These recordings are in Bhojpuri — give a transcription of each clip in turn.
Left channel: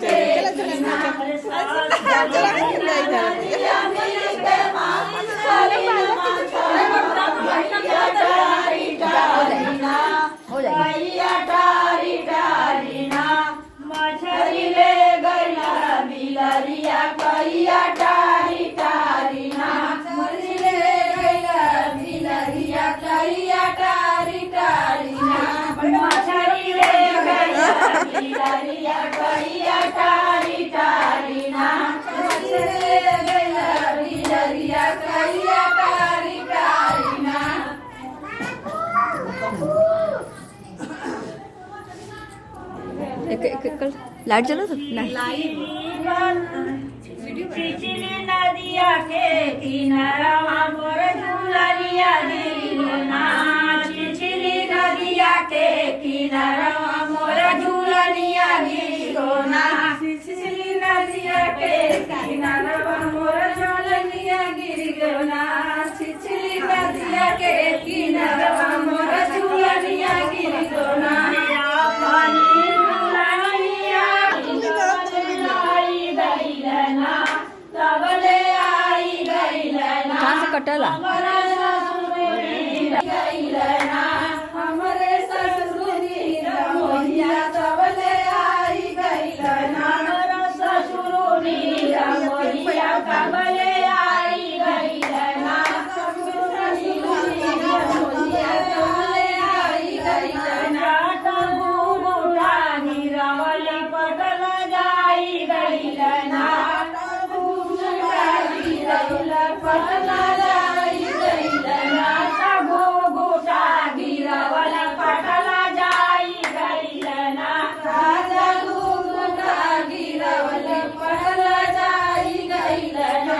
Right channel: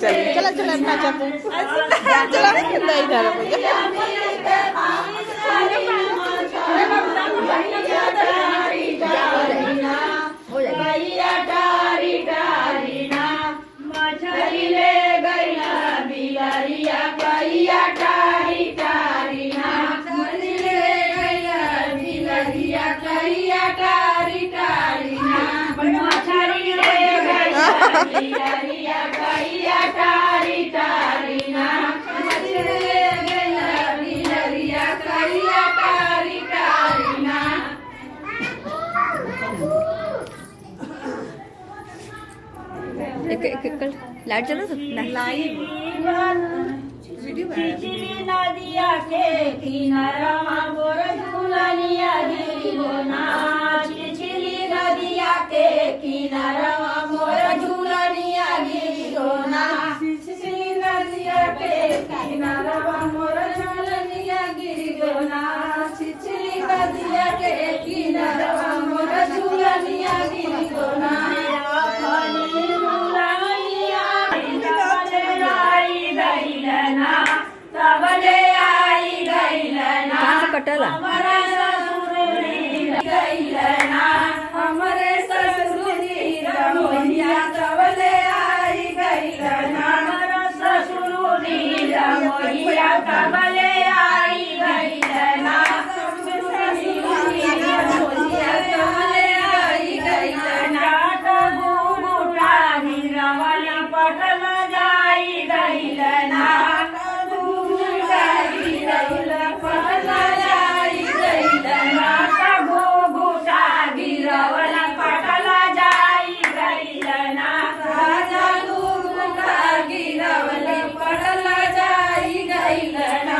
चला चला लाइट चलो चिचिली नदिया के किनारा मोर झूलनिया दिलोना चिचिली नदिया के किनारा मोर झूलनिया दिलोना चिचिली नदिया के किनारा मोर झूलनिया गिरगोना चिचिली नदिया के किनारा मोर झूलनिया गिरगोना कहाँ से कटला हमरे ससुरी रमोहिया तबले आई गईलना ससुरी रमोहिया तबले आई गईलना ससुरी रमोहिया तबले आई गईलना गुरु रानी रमल पटल जाई गईलना पटला जाई गईलना सबो घुटा गिरवला पटला जाई गईलना राजा घुटा गिरवला पटला जाई गईलना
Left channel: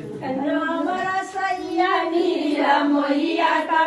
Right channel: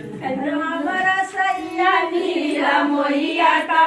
राम रसैया नीर मोहिया का